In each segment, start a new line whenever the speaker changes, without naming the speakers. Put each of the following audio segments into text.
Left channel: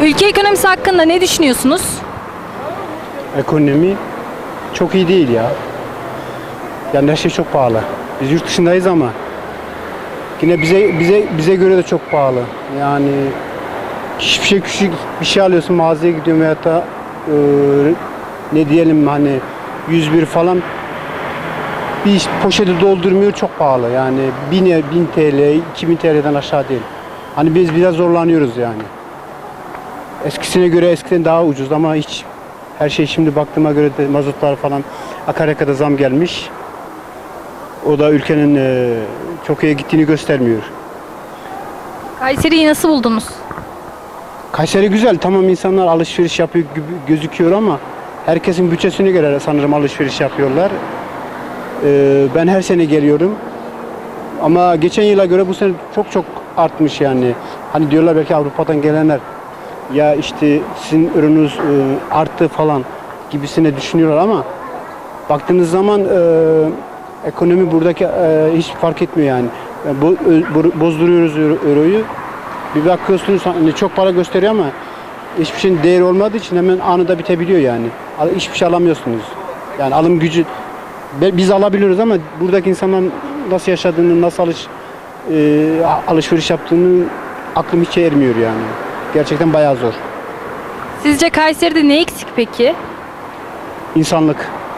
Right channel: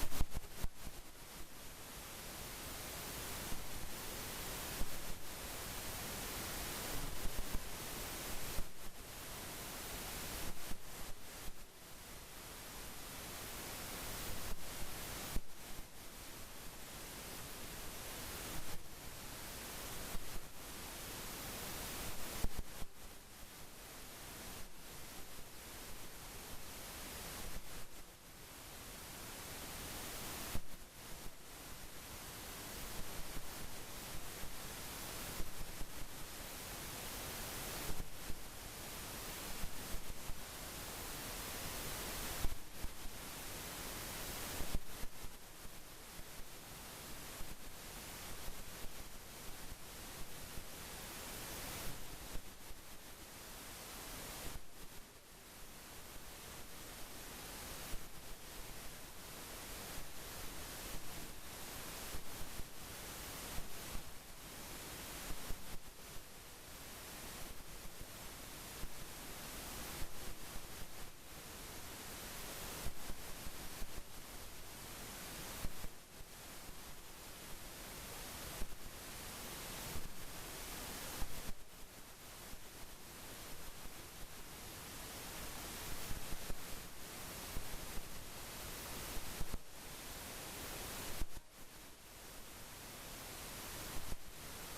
Ülke ekonomisi hakkında ne düşünüyorsunuz?
Ekonomi çok iyi değil ya. Yani her şey çok pahalı. Biz yurt dışındayız ama yine bize göre de çok pahalı. Yani hiçbir şey, küçük bir şey alıyorsun, mağazaya gidiyorum veyahut da ne diyelim, hani 101 falan bir poşeti doldurmuyor, çok pahalı. Yani 1000 TL, 2000 TL'den aşağı değil. Hani biz biraz zorlanıyoruz yani. Eskisine göre eskiden daha ucuz ama hiç, her şey şimdi baktığıma göre de mazotlar falan, akaryakıta zam gelmiş. O da ülkenin çok iyi gittiğini göstermiyor.
Kayseri'yi nasıl buldunuz?
Kayseri güzel, tamam, insanlar alışveriş yapıyor gibi gözüküyor ama herkesin bütçesine göre sanırım alışveriş yapıyorlar. Ben her sene geliyorum ama geçen yıla göre bu sene çok artmış yani. Hani diyorlar belki Avrupa'dan gelenler ya işte sizin ürününüz arttı falan gibisine düşünüyorlar ama baktığınız zaman ekonomi buradaki hiç fark etmiyor yani. Bozduruyoruz euroyu. Bir bakıyorsunuz hani çok para gösteriyor ama hiçbir şeyin değeri olmadığı için hemen anında bitebiliyor yani. Hiçbir şey alamıyorsunuz. Yani alım gücü biz alabiliyoruz ama buradaki insanların nasıl yaşadığını, nasıl alışveriş yaptığını aklım hiç ermiyor yani. Gerçekten bayağı zor.
Sizce Kayseri'de ne eksik peki?
İnsanlık.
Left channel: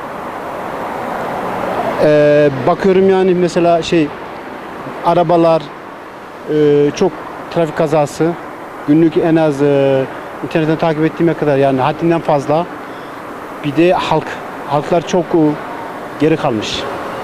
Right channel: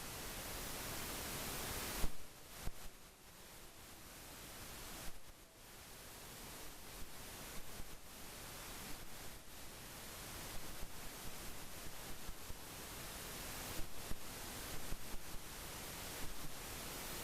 Bakıyorum yani mesela arabalar, çok trafik kazası. Günlük en az internetten takip ettiğime kadar yani haddinden fazla. Bir de halklar çok geri kalmış.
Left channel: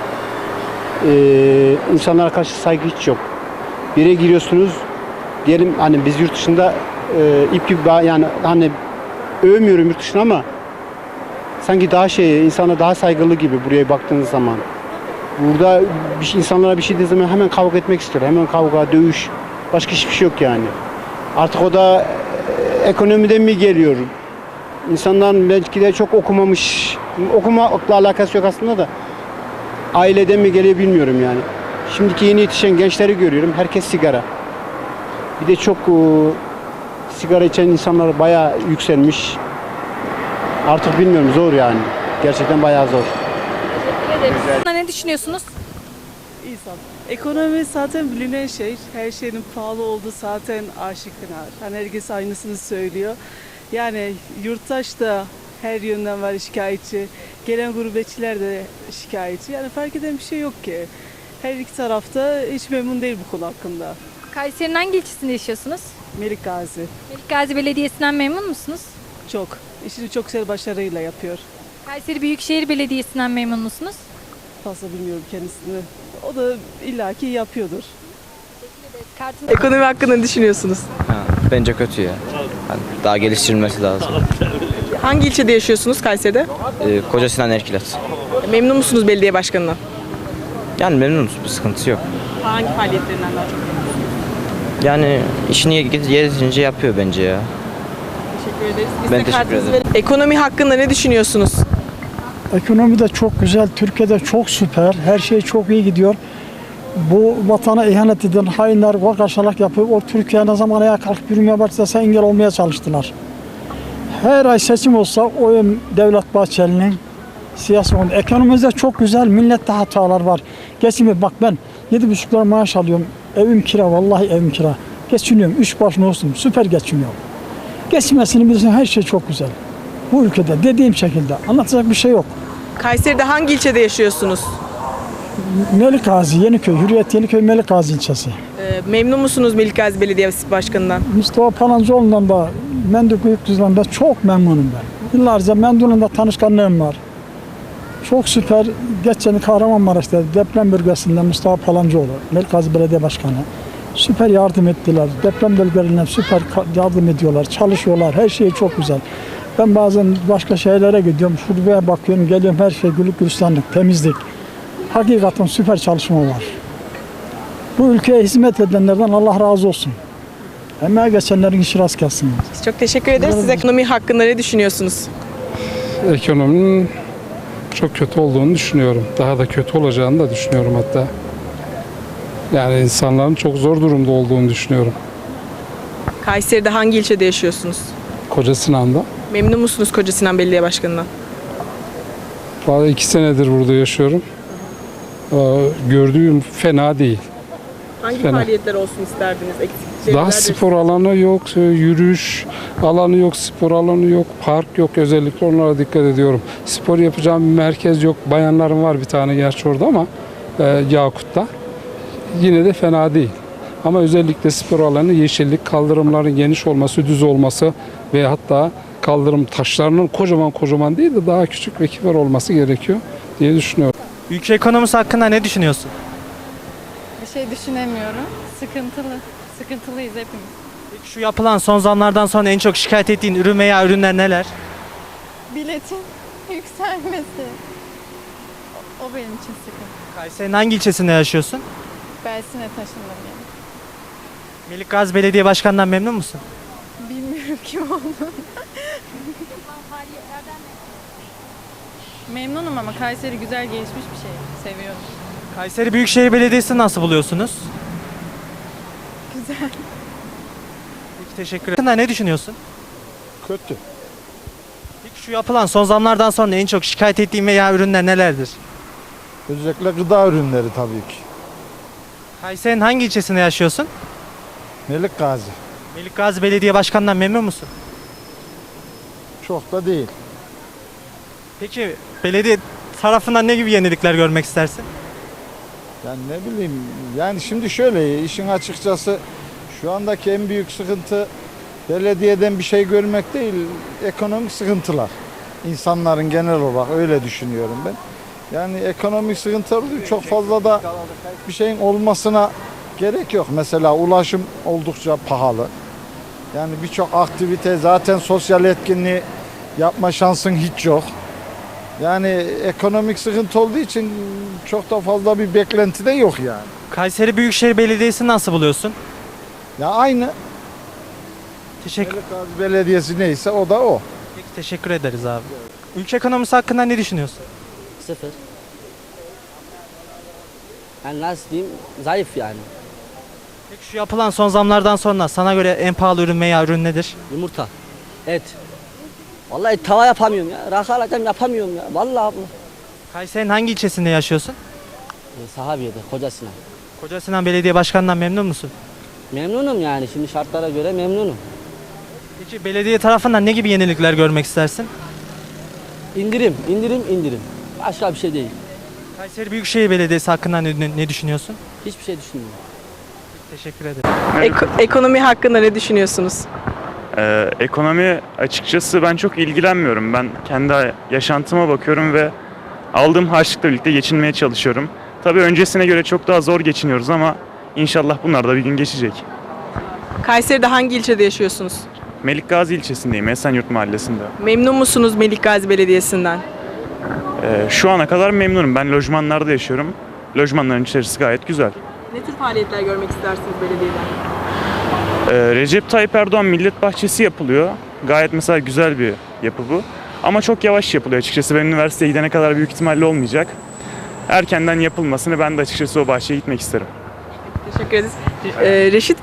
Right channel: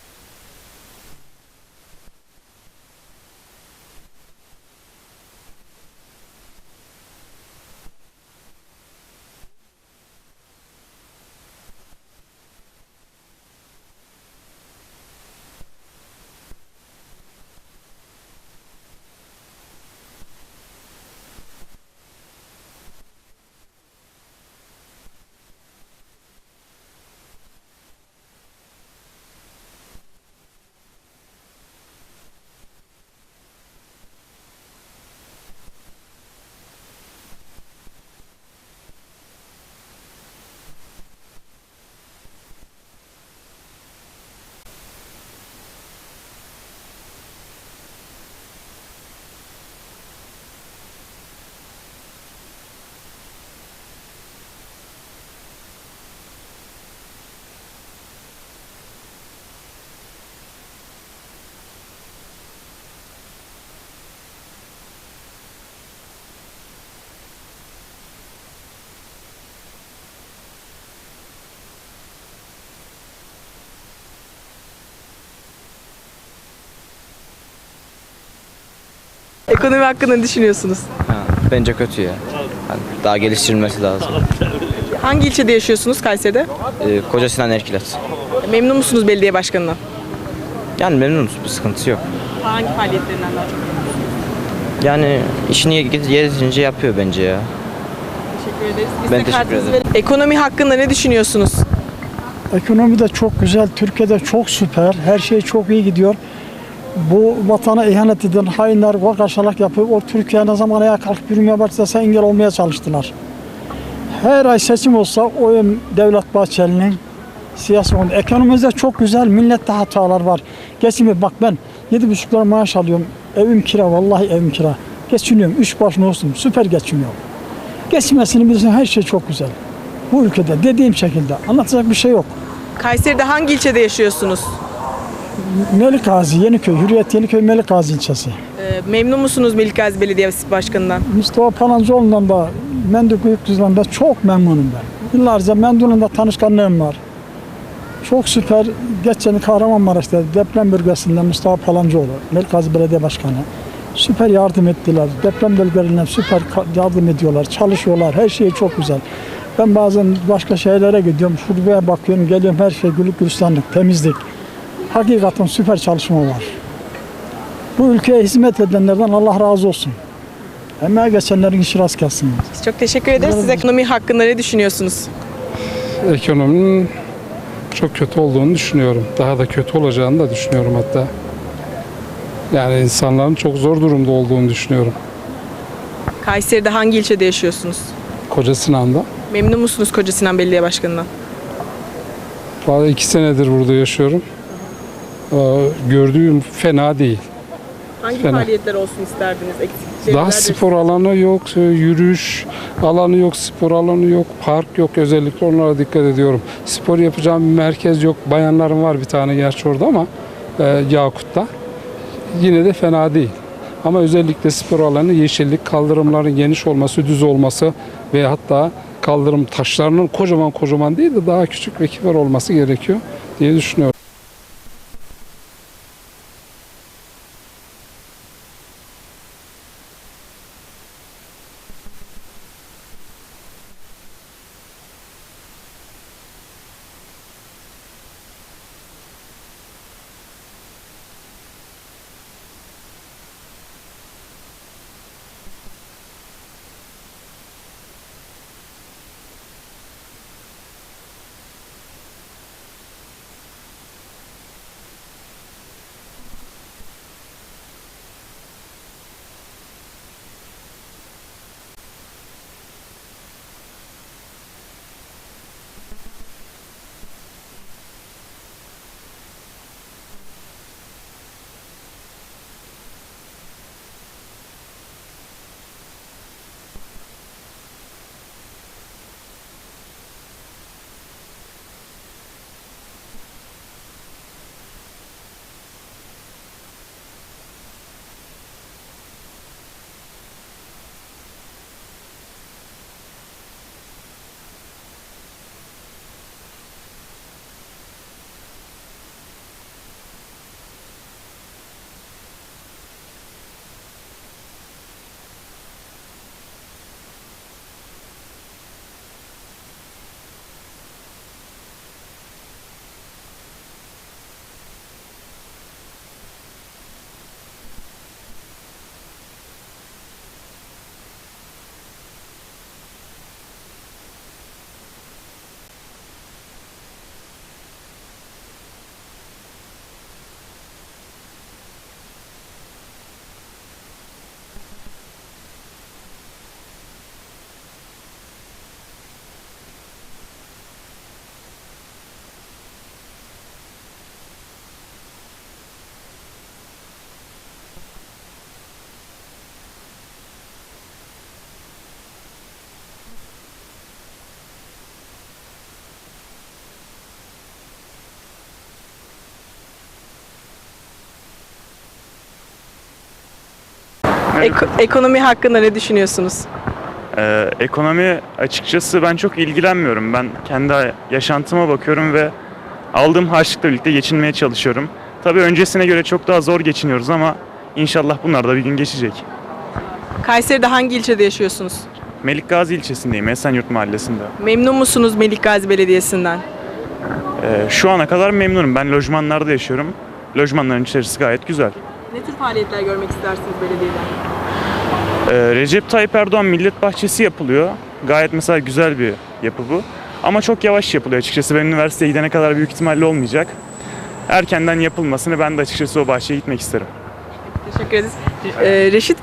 İnsanlara karşı saygı hiç yok. Bir yere giriyorsunuz, diyelim hani biz yurt dışında ip gibi yani hani övmüyorum yurt dışına ama sanki daha insana daha saygılı gibi buraya baktığınız zaman. Burada insanlara bir şey dediği zaman hemen kavga etmek istiyor. Hemen kavga, dövüş. Başka hiçbir şey yok yani. Artık o da ekonomiden mi geliyor? İnsanların belki de çok okumamış. Okumakla alakası yok aslında da. Aileden mi geliyor bilmiyorum yani. Şimdiki yeni yetişen gençleri görüyorum. Herkes sigara. Bir de çok sigara içen insanlar bayağı yükselmiş. Artık bilmiyorum, zor yani. Gerçekten bayağı zor.
Ne düşünüyorsunuz?
İnsan. Ekonomi zaten bilinen şey. Her şeyin pahalı olduğu zaten aşikar. Hani herkes aynısını söylüyor. Yani yurttaş da her yönden var şikayetçi. Gelen gurbetçiler de şikayetçi. Yani fark eden bir şey yok ki. Her iki tarafta hiç memnun değil bu konu hakkında.
Kayseri'nin hangi ilçesinde yaşıyorsunuz?
Melik Gazi
Melik Gazi Belediyesi'nden memnun musunuz?
çok. İşini çok güzel başarıyla yapıyor.
Kayseri Büyükşehir Belediyesi'nden memnun musunuz?
Fazla bilmiyorum kendisini. O da illaki yapıyordur.
Ekonomi hakkında ne düşünüyorsunuz?
Bence kötü ya. Yani daha geliştirilmesi lazım.
Hangi ilçede yaşıyorsunuz Kayseri'de?
Koca Sinan Erkilet.
Memnun musunuz belediye başkanından?
Yani memnunuz, bir sıkıntı yok.
Hangi faaliyetlerinden daha çok memnunsunuz?
Yani işini yeterince yapıyor bence ya.
Teşekkür ederiz. Biz
Ben
de
teşekkür
kartınızı
ederim.
verelim. Ekonomi hakkında ne düşünüyorsunuz?
Ekonomi de çok güzel, Türkiye'de çok süper, her şey çok iyi gidiyor. Bu vatana ihanet eden hainler vakaşalık yapıyor. O Türkiye ne zaman ayağa kalkıp yürümeye başlasa engel olmaya çalıştılar. Her ay seçim olsa oyum Devlet Bahçeli'nin siyasi oldu. Ekonomimizde çok güzel, millette hatalar var. Geçimi bak, ben 7,5 lira maaş alıyorum. Evim kira, vallahi evim kira. Geçiniyorum, 3 baş olsun, süper geçiniyorum. Geçmesini bilirsin, her şey çok güzel. Bu ülkede dediğim şekilde anlatacak bir şey yok.
Kayseri'de hangi ilçede yaşıyorsunuz?
Melik Gazi, Yeniköy, Hürriyet Yeniköy Melik Gazi ilçesi.
Memnun musunuz Melik Gazi Belediyesi Başkanı'ndan?
Mustafa Palancıoğlu'ndan da, Mendük Büyükdüz'den de çok memnunum ben. Yıllarca Menduk'la tanışkanlığım var. Çok süper. Geçen Kahramanmaraş'ta deprem bölgesinde Mustafa Palancıoğlu, Melik Gazi Belediye Başkanı. Süper yardım ettiler. Deprem bölgelerine süper yardım ediyorlar, çalışıyorlar. Her şey çok güzel. Ben bazen başka şehirlere gidiyorum, şuraya bakıyorum, geliyorum, her şey güllük gülistanlık, temizlik. Hakikaten süper çalışma var. Bu ülkeye hizmet edenlerden Allah razı olsun. Emeğe geçenlerin işi rast gelsin.
Çok teşekkür ederiz. Siz ekonomi hakkında ne düşünüyorsunuz?
Ekonominin çok kötü olduğunu düşünüyorum. Daha da kötü olacağını da düşünüyorum hatta. Yani insanların çok zor durumda olduğunu düşünüyorum.
Kayseri'de hangi ilçede yaşıyorsunuz?
Koca Sinan'da.
Memnun musunuz Koca Sinan Belediye Başkanı'ndan?
Vallahi 2 senedir burada yaşıyorum. Gördüğüm fena değil.
Hangi
Fena.
faaliyetler olsun isterdiniz?
Daha spor alanı yok, yürüyüş alanı yok, spor alanı yok, park yok. Özellikle onlara dikkat ediyorum. Spor yapacağım bir merkez yok. Bayanların var bir tane gerçi orada ama Yakut'ta. Yine de fena değil. Ama özellikle spor alanı, yeşillik, kaldırımların geniş olması, düz olması ve hatta kaldırım taşlarının kocaman değil de daha küçük ve kibar olması gerekiyor diye düşünüyorum.
Ülke ekonomisi hakkında ne düşünüyorsun?
Bir şey düşünemiyorum. Sıkıntılıyız hepimiz.
Peki şu yapılan son zamlardan sonra en çok şikayet ettiğin ürün veya ürünler neler?
Biletin yükselmesi. O benim için sıkıntı.
Kayseri'nin hangi ilçesinde yaşıyorsun?
Belsin'e taşındım yani.
Melikgazi Belediye Başkanı'ndan memnun musun?
Bilmiyorum kim olduğunu. Memnunum ama Kayseri güzel gelişmiş bir şey. Seviyorum.
Kayseri Büyükşehir Belediyesi'ni nasıl buluyorsunuz?
Güzel.
Peki, teşekkür ederim. Hakkında ne düşünüyorsun?
Kötü.
Peki şu yapılan son zamlardan sonra en çok şikayet ettiğin veya ürünler nelerdir?
Özellikle gıda ürünleri tabii ki.
Kayseri'nin hangi ilçesinde yaşıyorsun?
Melikgazi.
Melikgazi Belediye Başkanı'ndan memnun musun?
Çok da değil.
Peki belediye tarafından ne gibi yenilikler görmek istersin?
Yani ne bileyim, yani şimdi şöyle, işin açıkçası şu andaki en büyük sıkıntı belediyeden bir şey görmek değil, ekonomik sıkıntılar. İnsanların genel olarak öyle düşünüyorum ben. Yani ekonomik sıkıntılar çok fazla da bir şeyin olmasına gerek yok. Mesela ulaşım oldukça pahalı. Yani birçok aktivite, zaten sosyal etkinliği yapma şansın hiç yok. Yani ekonomik sıkıntı olduğu için çok da fazla bir beklenti de yok yani.
Kayseri Büyükşehir Belediyesi'ni nasıl buluyorsun?
Ya aynı
Teşekkür,
Melikgazi Belediyesi neyse o da o.
Peki, teşekkür ederiz abi. Ülke ekonomisi hakkında ne düşünüyorsun?
Sıfır. Yani nasıl diyeyim? Zayıf yani.
Peki şu yapılan son zamlardan sonra sana göre en pahalı ürün veya ürün nedir?
Yumurta, et. Vallahi tava yapamıyorum ya. Rakı alacağım yapamıyorum ya. Vallahi bu.
Kayseri'nin hangi ilçesinde yaşıyorsun?
Sahabiye'de, Kocasinan.
Koca Sinan Belediye Başkanı'ndan memnun musun?
Memnunum yani. Şimdi şartlara göre memnunum.
Peki belediye tarafından ne gibi yenilikler görmek istersin?
İndirim. Başka bir şey değil.
Kayseri Büyükşehir Belediyesi hakkında ne düşünüyorsun?
Hiçbir şey düşünmüyorum.
Teşekkür ederim.
Ekonomi hakkında ne düşünüyorsunuz?
Ekonomi açıkçası ben çok ilgilenmiyorum. Ben kendi yaşantıma bakıyorum ve aldığım harçlıkla birlikte geçinmeye çalışıyorum. Tabii öncesine göre çok daha zor geçiniyoruz ama inşallah bunlar da bir gün geçecek.
Kayseri'de hangi ilçede yaşıyorsunuz?
Melikgazi ilçesindeyim, Esenyurt Mahallesi'nde.
Memnun musunuz Melikgazi Belediyesi'nden?
Şu ana kadar memnunum. Ben lojmanlarda yaşıyorum. Lojmanların içerisi gayet güzel.
Ne tür faaliyetler görmek istersiniz belediyeden?
Recep Tayyip Erdoğan Millet Bahçesi yapılıyor. Gayet mesela güzel bir yapı bu. Ama çok yavaş yapılıyor açıkçası. Ben üniversiteye gidene kadar büyük ihtimalle olmayacak. Erkenden yapılmasını ben de açıkçası o bahçeye gitmek isterim.
Teşekkür ederiz. Reşit